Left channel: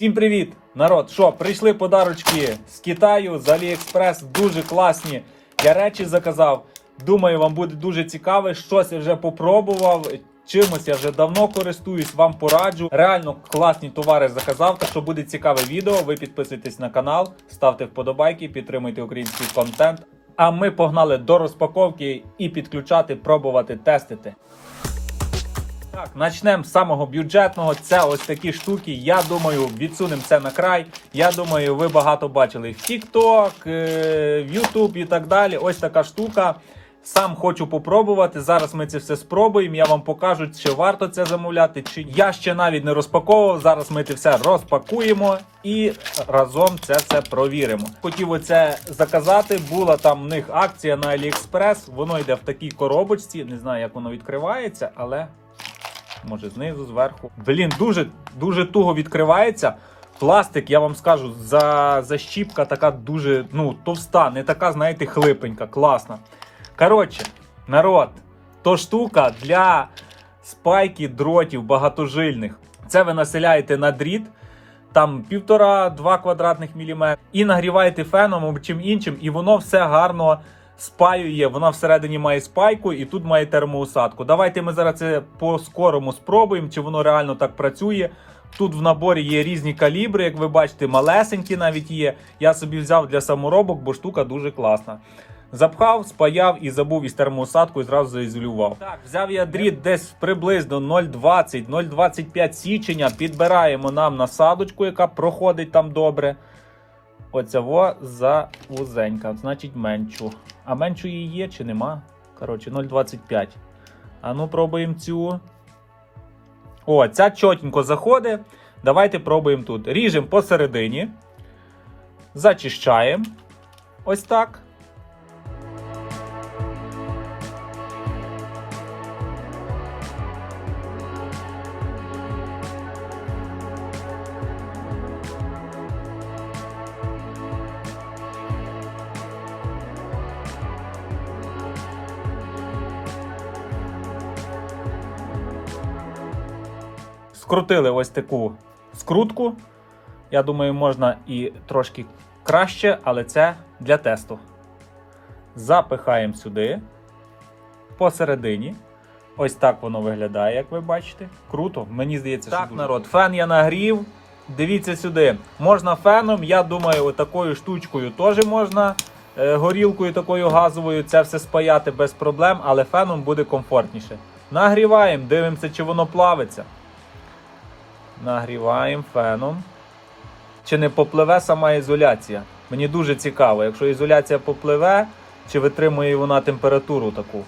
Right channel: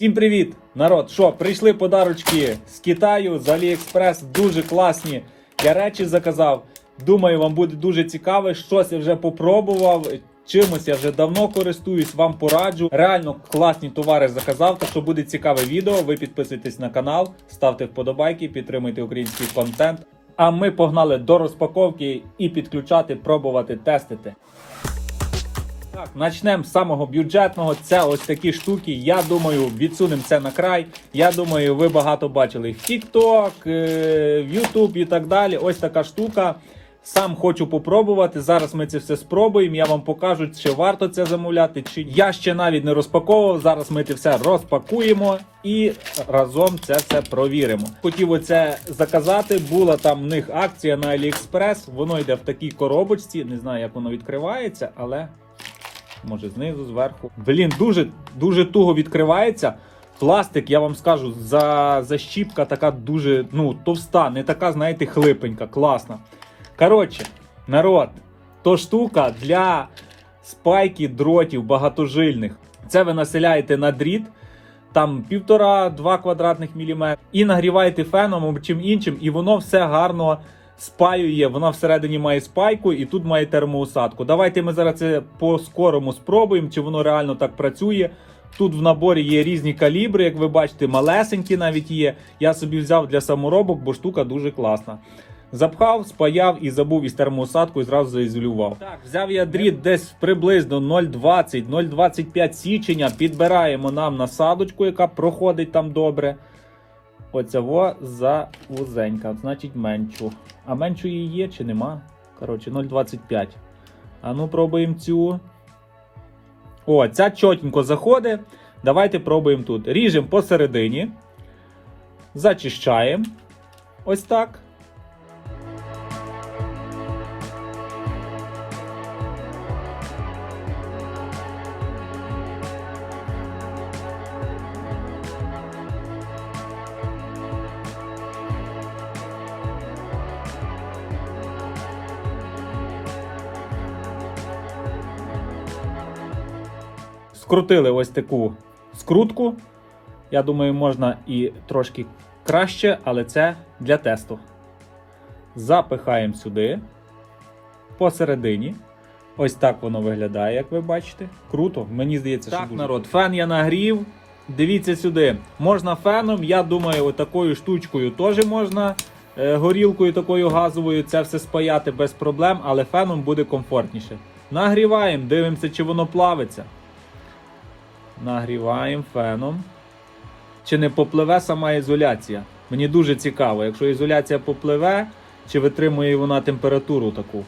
Всім привіт, народ! Що, прийшли подарочки з Китаю, з Аліекспрес, дуже класні. Я речі заказав. Думаю, вам буде дуже цікаве. Щось я вже попробував. Чимось я вже давно користуюсь, вам пораджу. Реально класні товари заказав. Так що буде цікаве відео. Ви підписуйтесь на канал, ставте вподобайки, підтримуйте український контент. А ми погнали до розпаковки і підключати, пробувати, тестити. Так, почнемо з самого бюджетного. Це ось такі штуки. Я думаю, відсунемо це на край. Я думаю, ви багато бачили в TikTok, е, в YouTube і так далі. Ось така штука. Сам хочу попробувати. Зараз ми це все спробуємо. Я вам покажу, чи варто це замовляти, чи я ще навіть не розпаковував. Зараз ми це все розпакуємо і разом це все провіримо. Хотів оце заказати. Була там в них акція на AliExpress. Воно йде в такій коробочці. Не знаю, як воно відкривається, але може знизу, зверху. Блін, дуже дуже туго відкривається. Пластик, я вам скажу, за, защіпка така дуже ну, товста, не така, знаєте, хлипенька, класна. Коротше, народ, то штука для спайки дротів багатожильних. Це ви населяєте на дріт, там півтора-два квадратних міліметри, і нагріваєте феном або чим іншим, і воно все гарно спаює. Вона всередині має спайку і тут має термоусадку. Давайте ми зараз це по скорому спробуємо, чи воно реально так працює. Тут в наборі є різні калібри, як ви бачите, малесенькі навіть є. Я собі взяв для саморобок, бо штука дуже класна. Запхав, спаяв і забув із термоусадкою, зразу заізолював. Так, взяв я дріт десь приблизно 0,20-0,25 січення. Підбираємо нам насадочку, яка проходить там добре. Оця во за вузенька, значить меншу. А меншу її є чи нема? Коротше, 0,25. А ну пробуємо цю. О, ця чотенько заходить. Давайте пробуємо тут. Ріжемо посередині. Зачищаємо. Ось так. Скрутили ось таку скрутку. Я думаю, можна і трошки краще, але це для тесту. Запихаємо сюди. Посередині. Ось так воно виглядає, як ви бачите. Круто, мені здається, що Так, народ, фен я нагрів. Дивіться сюди. Можна феном, я думаю, отакою штучкою теж можна. е, Горілкою такою газовою це все спаяти без проблем, але феном буде комфортніше. Нагріваємо, дивимося, чи воно плавиться. Нагріваємо феном. Чи не попливе сама ізоляція? Мені дуже цікаво, якщо ізоляція попливе, чи витримує вона температуру таку.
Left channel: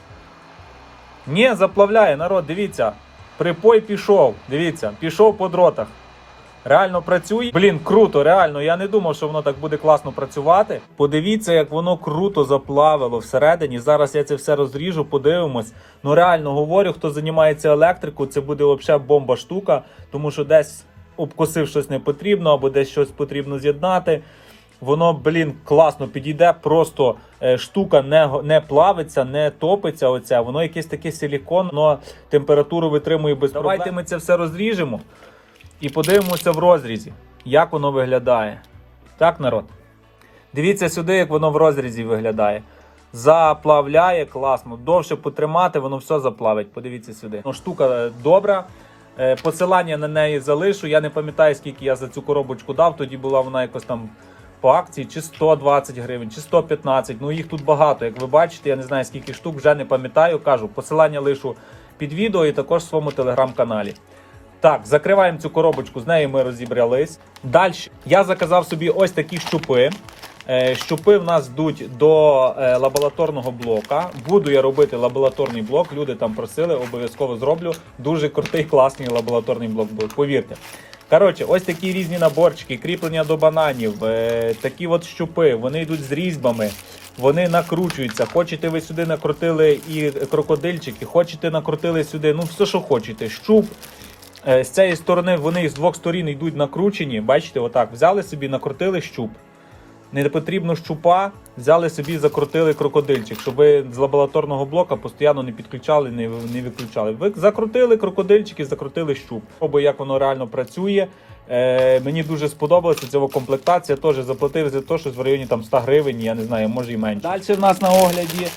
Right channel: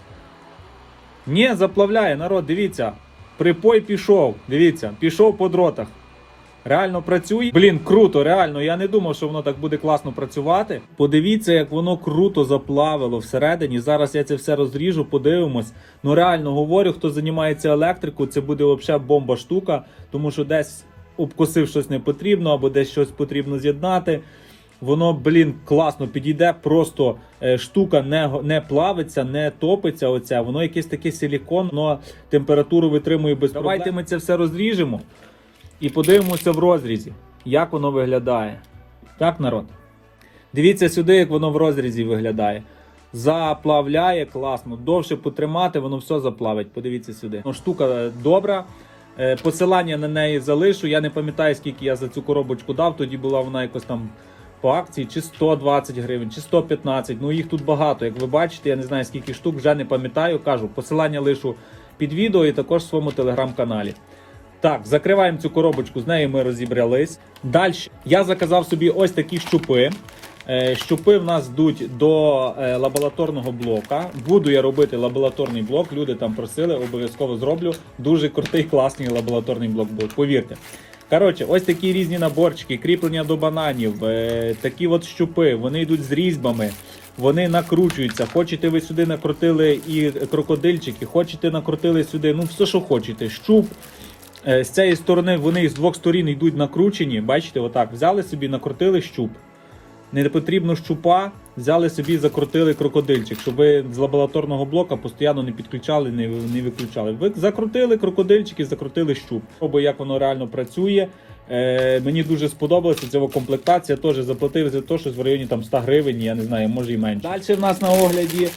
Ні, заплавляє, народ, дивіться. Припой пішов. Дивіться, пішов по дротах. Реально працює. Блін, круто, реально. Я не думав, що воно так буде класно працювати. Подивіться, як воно круто заплавило всередині. Зараз я це все розріжу, подивимось. Ну реально говорю, хто займається електрикою, це буде взагалі бомба штука, тому що десь обкосив щось не потрібно, або десь щось потрібно з'єднати. Воно, блін, класно підійде, просто е, штука не, не плавиться, не топиться. Оця, воно якесь таке силікон, воно температуру витримує без проблем. Давайте ми це все розріжемо і подивимося в розрізі, як воно виглядає. Так, народ? Дивіться сюди, як воно в розрізі виглядає. Заплавляє класно, довше потримати, воно все заплавить. Подивіться сюди. Ну, штука е, добра. Е, Посилання на неї залишу. Я не пам'ятаю, скільки я за цю коробочку дав. Тоді була вона якось там по акції, чи 120 гривень, чи 115. Ну їх тут багато. Як ви бачите, я не знаю скільки штук, вже не пам'ятаю. Кажу, посилання лишу під відео і також в своєму телеграм-каналі. Так, закриваємо цю коробочку, з нею ми розібрались. Далі я заказав собі ось такі щупи. Е, Щупи в нас йдуть до е, лабораторного блока. Буду я робити лабораторний блок. Люди там просили, обов'язково зроблю. Дуже крутий, класний лабораторний блок буде, повірте. Коротше, ось такі різні наборчики, кріплення до бананів, е, такі от щупи, вони йдуть з різьбами, вони накручуються. Хочете ви сюди накрутили і крокодильчики, хочете накрутили сюди, ну все, що хочете. Щуп. Е, З цієї сторони вони з двох сторін йдуть накручені. Бачите, отак. Взяли собі, накрутили щуп. Не потрібно щупа, взяли собі, закрутили крокодильчик, щоб ви з лабораторного блока постійно не підключали, не, не виключали. Ви закрутили крокодильчик і закрутили щуп. Або як воно реально працює. Е, мені дуже сподобалося ця комплектація. Теж заплатив за те, щось в районі там 100 гривень, я не знаю, може і менше. Далі в нас на огляді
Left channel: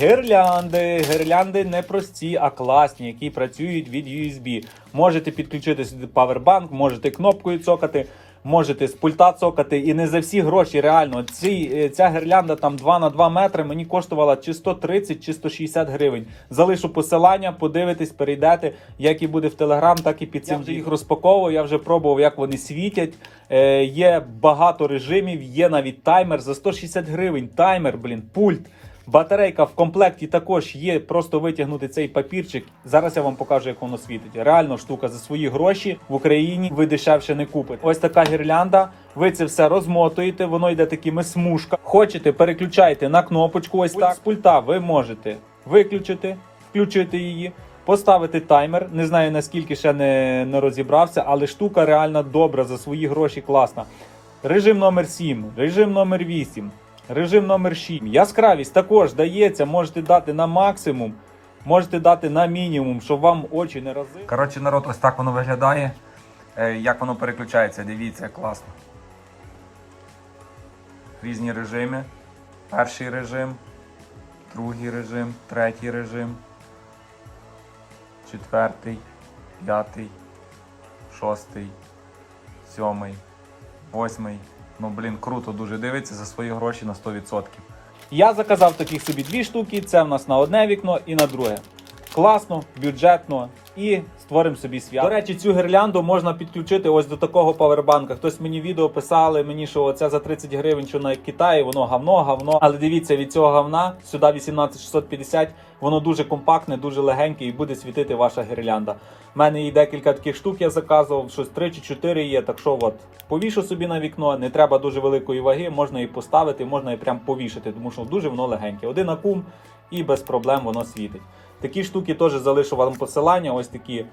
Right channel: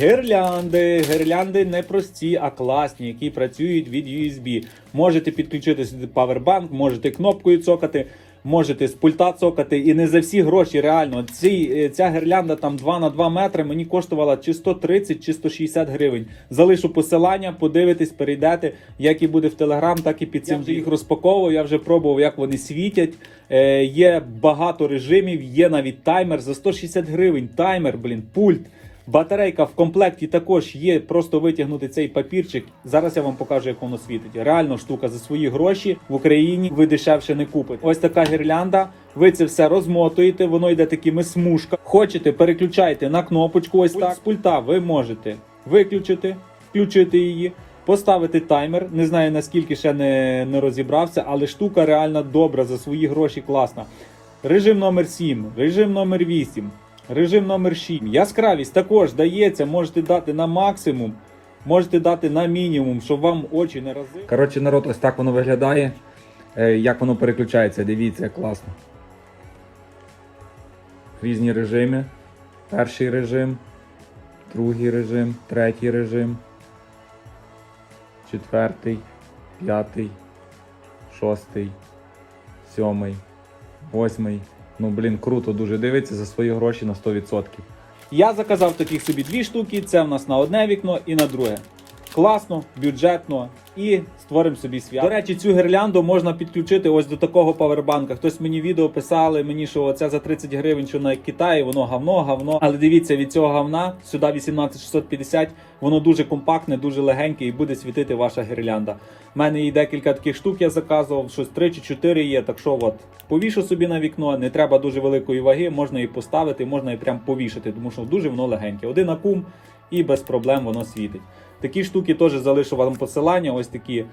гірлянди. Гірлянди не прості, а класні, які працюють від USB. Можете підключити сюди павербанк, можете кнопкою цокати. Можете з пульта цокати і не за всі гроші. Реально, Ці, е, ця гірлянда там 2 на 2 метри мені коштувала чи 130, чи 160 гривень. Залишу посилання, подивитесь, перейдете. Як і буде в Телеграм, так і під цим. Я вже їх розпаковував. Я вже пробував, як вони світять. Е, є багато режимів, є навіть таймер за 160 гривень. Таймер, блін, пульт. Батарейка в комплекті також є. Просто витягнути цей папірчик. Зараз я вам покажу, як воно світить. Реально штука за свої гроші в Україні ви дешевше не купите. Ось така гірлянда. Ви це все розмотуєте, воно йде такими смужками. Хочете, переключайте на кнопочку. Ось так з пульта. Ви можете виключити, включити її. Поставити таймер, не знаю наскільки ще не, не розібрався, але штука реально добра за свої гроші класна. Режим номер 7, режим номер 8, режим номер 6. Яскравість також дається, можете дати на максимум, можете дати на мінімум, щоб вам очі не рази. Коротше, народ, ось так воно виглядає. Е, Як воно переключається, дивіться, класно. Різні режими. Перший режим, другий режим, третій режим, четвертий, п'ятий, шостий, сьомий, восьмий. Ну, блін, круто дуже дивиться за свої гроші на 100%. Я заказав таких собі дві штуки. Це в нас на одне вікно і на друге. Класно, бюджетно і створимо собі свято. До речі, цю гірлянду можна підключити ось до такого павербанка. Хтось мені відео писали, мені що це за 30 гривень, що на Китаї, воно гавно, гавно. Але дивіться, від цього гавна сюди 18650, воно дуже компактне, дуже легеньке і буде світити ваша гірлянда. У мене і декілька таких штук я заказував, щось 3 чи 4 є. Так що от повішу собі на вікно, не треба дуже великої ваги, можна і поставити, можна і прям повішати, тому що дуже воно легеньке. Один акум і без проблем воно світить. Такі штуки теж залишу вам посилання. Ось такі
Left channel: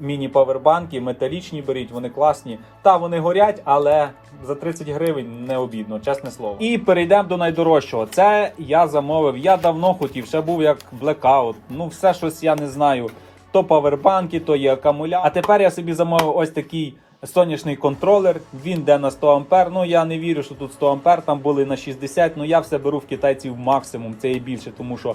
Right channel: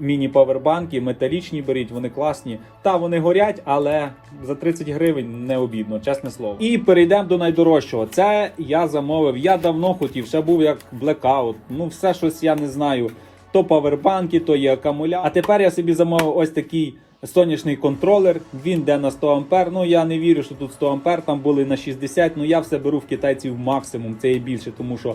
міні-павербанки, металічні беріть, вони класні. Та вони горять, але за 30 гривень не обідно, чесне слово. І перейдемо до найдорожчого. Це я замовив. Я давно хотів, ще був як блекаут. Ну, все щось я не знаю. То павербанки, то є акумулятор. А тепер я собі замовив ось такий. Сонячний контролер, він йде на 100 ампер. Ну я не вірю, що тут 100 ампер, там були на 60. Ну я все беру в китайців максимум, це і більше, тому що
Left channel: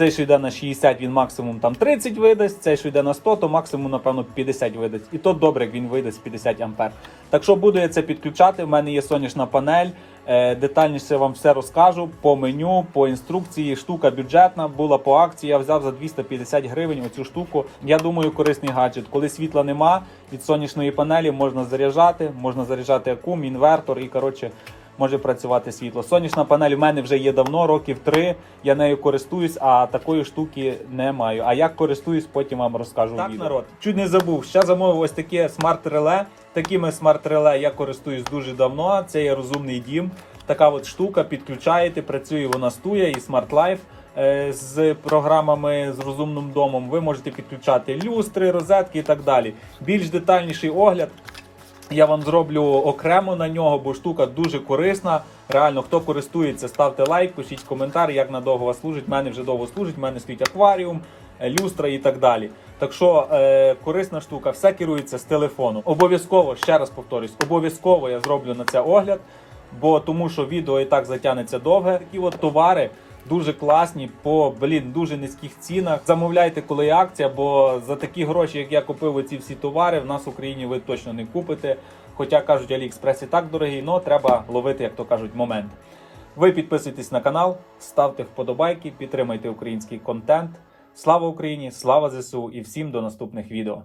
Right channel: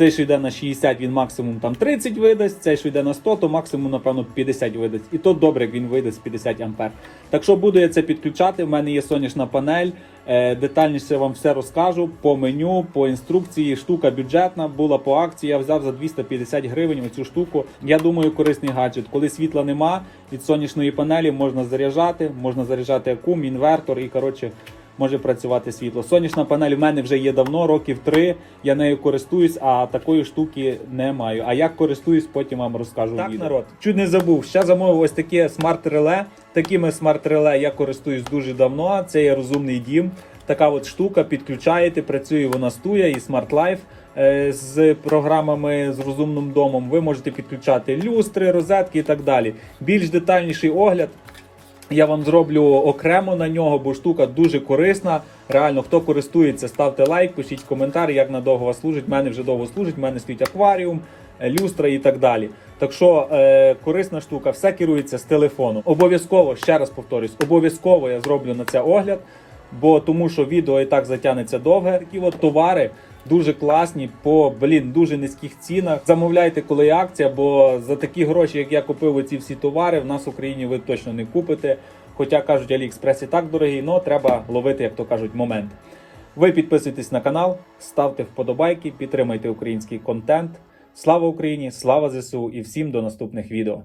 цей, що йде на 60, він максимум там 30 видасть, цей, що йде на 100, то максимум, напевно, 50 видасть. І то добре, як він видасть 50 ампер. Так що буду я це підключати. У мене є сонячна панель. Е, детальніше вам все розкажу по меню, по інструкції. Штука бюджетна була по акції. Я взяв за 250 гривень оцю штуку. Я думаю, корисний гаджет. Коли світла нема, від сонячної панелі можна заряджати, можна заряджати акум, інвертор і коротше може працювати світло. Сонячна панель в мене вже є давно, років три. Я нею користуюсь, а такої штуки не маю. А як користуюсь, потім вам розкажу. Так, відео. народ. Чуть не забув. Ще замовив ось таке смарт-реле. Такими смарт-реле я користуюсь дуже давно. Це є розумний дім. Така от штука, підключаєте, працює вона стує і Smart Life. е, З програмами з розумним домом ви можете підключати люстри, розетки і так далі. Більш детальніший огляд я вам зроблю окремо на нього, бо штука дуже корисна. Реально, хто користується, ставте лайк, пишіть коментар, як надовго вас служить. У мене вже довго служить, в мене стоїть акваріум, е, люстра і так далі. Так що е, корисна штука, все керується з телефону. Обов'язково, ще раз повторюсь, обов'язково я зроблю на це огляд, бо тому що відео і так затягнеться довге. Такі от товари. Дуже класні по блін дуже низьких цінах. Замовляйте, коли є акція, бо за такі гроші, як я купив ці всі товари, в нас в Україні ви точно не купите. Хоча кажуть, Аліекспрес і так дорогий, але треба ловити, як то кажуть, момент. Ви підписуйтесь на канал, ставте вподобайки, підтримайте український контент. Слава Україні! Слава ЗСУ і всім до наступних відео.